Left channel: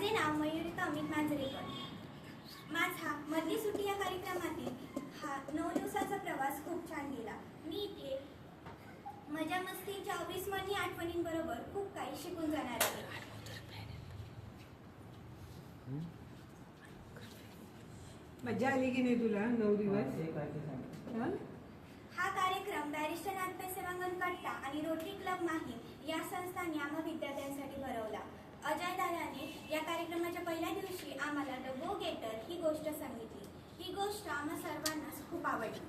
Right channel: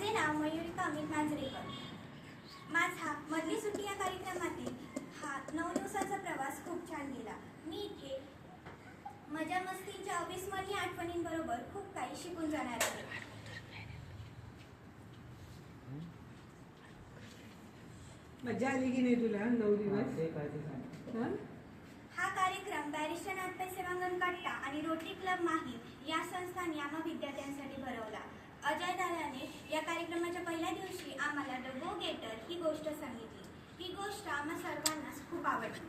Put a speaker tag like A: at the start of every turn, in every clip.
A: माझे नाव मयुरिका अमित मांजरेकर. माझा मधली सुट्टी या कार्यक्रमातील हा नऊ दिवसाचा प्रवास खूप छान गेला. मी इथे मजा मस्तीच्या अविस्मरणीय आठवणींबरोबर खूप काही शिकून जाणार आहे.
B: मजा आली की नाही तुला? नऊ दिवस? हा?
A: कार्यक्रम बॅरिस्टर नाथपै सेवांगण कट्टा आणि रोटरी क्लब माहीम या संस्थांनी आम्हा विद्यार्थ्यांसाठी भरवला. अजय या कार्यक्रमाच्या पहिल्या दिवशी आम्हाला द गो गेटर ही गोष्ट सांगितली. ही गोष्ट आम्हा सर्वांनाच खूप आवडली.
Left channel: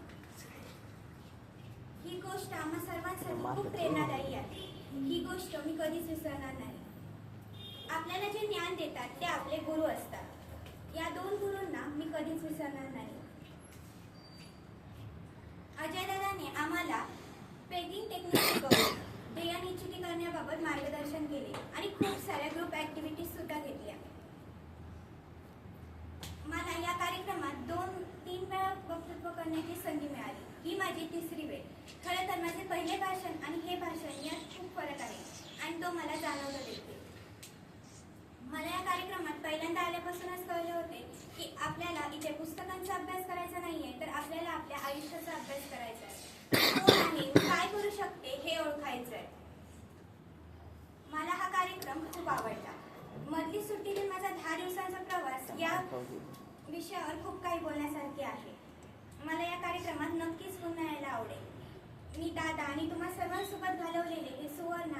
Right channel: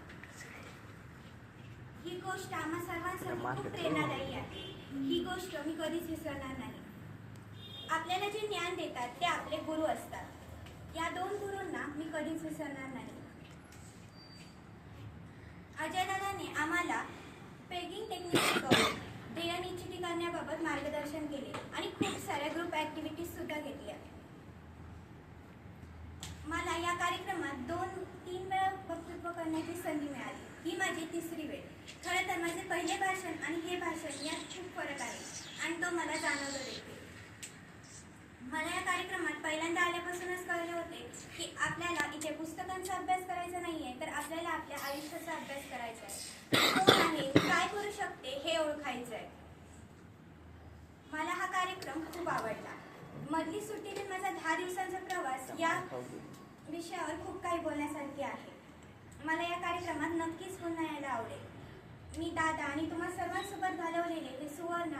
A: ही गोष्ट आम्हा सर्वांसाठी खूप प्रेरणादायी आहे. ही गोष्ट मी कधीच विसरणार नाही. आपल्याला जे ज्ञान देतात ते आपले गुरु असतात. या दोन गुरूंना मी कधीच विसरणार नाही. अजय दादाने आम्हाला पेगिंग टेक्निक शिकवली देयनिश्चिती करण्याबाबत मार्गदर्शन केले. आणि खूप साऱ्या ग्रुप ऍक्टिव्हिटीज मला या कार्यक्रमात दोन तीन वेळा वक्तृत्व करण्याची संधी मिळाली. ही माझी तिसरी वेळ. खरं तर माझे पहिले भाषण आणि हे भाषण यात खूप फरक आहे आणि तो मला जाणवला देखील. मला या कार्यक्रमात पहिल्यांदा आल्यापासूनच कळले होते की आपल्याला इथे पुस्तकांचा अभ्यास करायचा नाहीये तर आपल्याला आपल्या आयुष्याचा अभ्यास करायचा आहे. कोण आहे? काय करू शकते? हे ओळखायचं आहे. मला हा कार्यक्रम खूप आवडला. मधली सुट्टीतील माझा दहा दिवसांचा या विषयावर खूप काही बोलण्यासारखे आहे. मला या कार्यक्रमात नक्कीच पुन्हा यायला आवडेल. मी दादा आणि तुम्हा सर्वांसोबत घालवलेले हे सुवर्ण